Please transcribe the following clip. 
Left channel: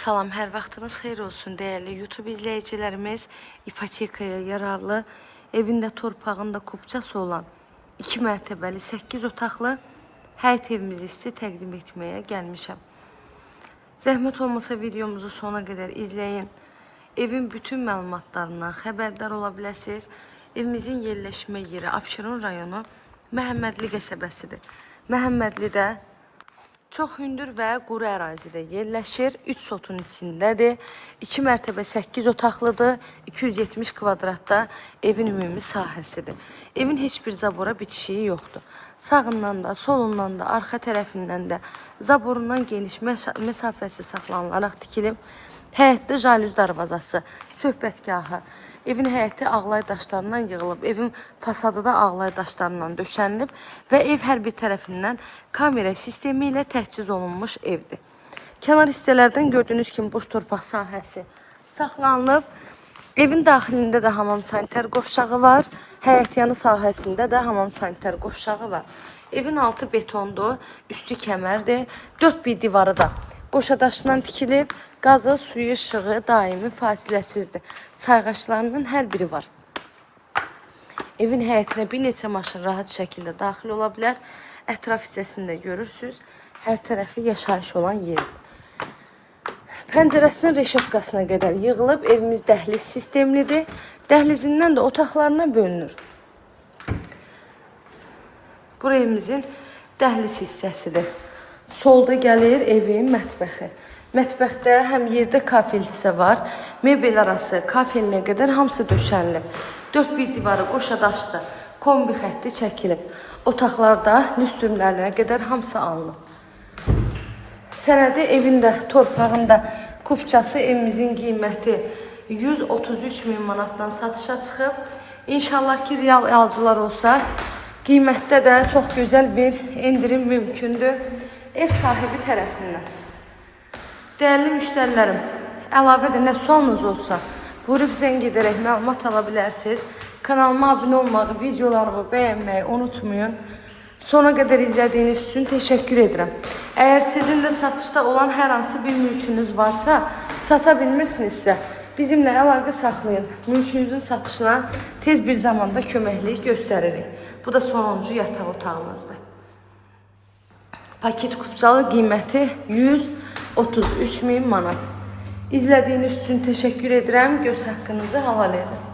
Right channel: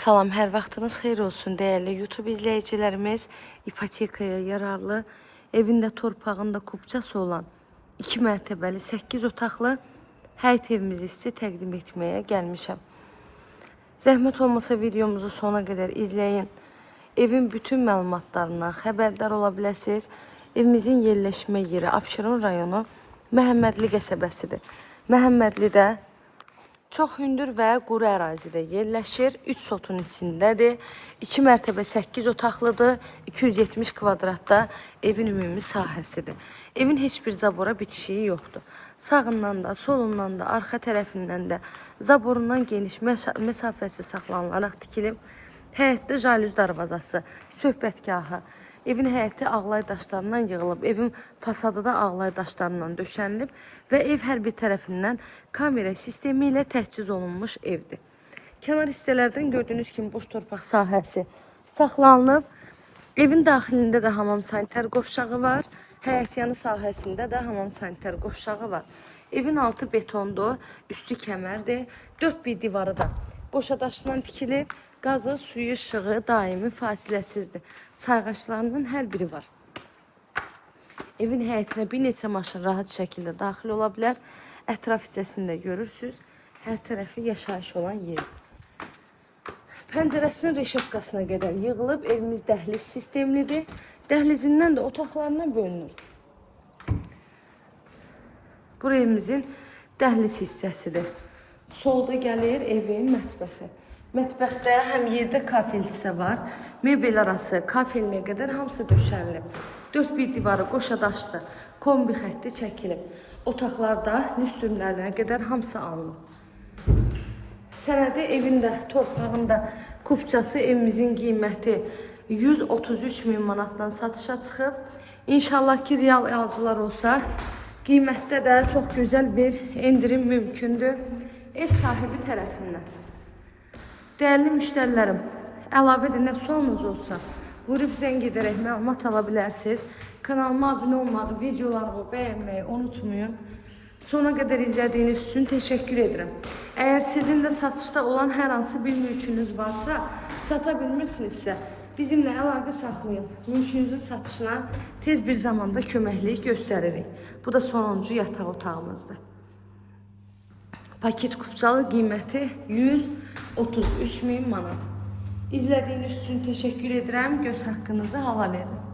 Salam, hər vaxtınız xeyir olsun değerli YouTube izleyicilerimiz. İpotekaya yararlı, evində torpağında kupçası olan 2 mərtəbəli 8 otaqlı həyət evimizi sizə təqdim etməyə gəlmişəm. Zəhmət olmasa videomuzu sona qədər izləyin. Evin bütün məlumatlarından xəbərdar ola biləsiniz. Evimizin yerləşmə yeri Abşeron rayonu Məhəmmədli qəsəbəsidir. Məhəmmədlidə çox hündür və quru ərazidə yerləşir. 3 sotun içindədir. 2 mərtəbə 8 otaqlıdır. 270 kvadratda evin ümumi sahəsidir. Evin heç bir zabora bitişiyi yoxdur. Sağından da, solundan da, arxa tərəfindən də zaborundan geniş məsafəsi saxlanılaraq tikilib. Həyətdə jalüz darvazası, söhbətgahı, evin həyəti ağlay daşlarından yığılıb, evin fasadı da ağlay daşlarından döşənilib və ev hər bir tərəfindən kamera sistemi ilə təchiz olunmuş evdir. Kənar hissələrdən gördüyünüz kimi boş torpaq sahəsi saxlanılıb. Evin daxilində də hamam sanitar qovşağı var. Həyətyanı sahəsində də hamam sanitar qovşağı var. Evin altı betondur, üstü kəmərdir. 4 bir divarı da qoşadaşdan tikilib. Qazı, suyu, işığı daimi fasiləsizdir. Sayğaçlarının hər biri var. Evin həyətinə bir neçə maşın rahat şəkildə daxil ola bilər. Ətraf hissəsində görürsünüz. Hər tərəfi yaşayış olan yer. Pəncərəsinin reşovkasına qədər yığılıb. Evimiz dəhliz sistemlidir. Dəhlizindən də otaqlarına bölünür. Bu evimizin dəhliz hissəsidir. Solda gəlir evin mətbəxi. Mətbəxdə həm yerdə kafel hissə var, mebel arası, kafelinə qədər hamısı döşənilib. 4 bir divarı qoşadaşdır, kombi xətti çəkilib. Otaqlarda lüstrümlərə qədər hamısı alınıb. Sənədi evində, torpağında kupçası evimizin qiyməti 133 min manatdan satışa çıxıb. İnşallah ki, real alıcılar olsa, qiymətdə də çox gözəl bir endirim mümkündür ev sahibi tərəfindən. Değerli müşterilerim, əlavə də nə sualınız olsa, buyurub zəng edərək məlumat ala bilərsiniz. Kanalıma abunə olmağı, videolarımı bəyənməyi unutmayın. Sona qədər izlədiyiniz üçün təşəkkür edirəm. Əgər sizin də satışda olan hər hansı bir mülkünüz varsa, sata bilmirsinizsə, bizimlə əlaqə saxlayın. Mülkünüzün satışına tez bir zamanda köməklik göstəririk. Bu da sonuncu yataq otağımızdır. Paket kupçalı qiyməti 133 min manat. İzlədiyiniz üçün təşəkkür edirəm. Göz haqqınızı halal edin.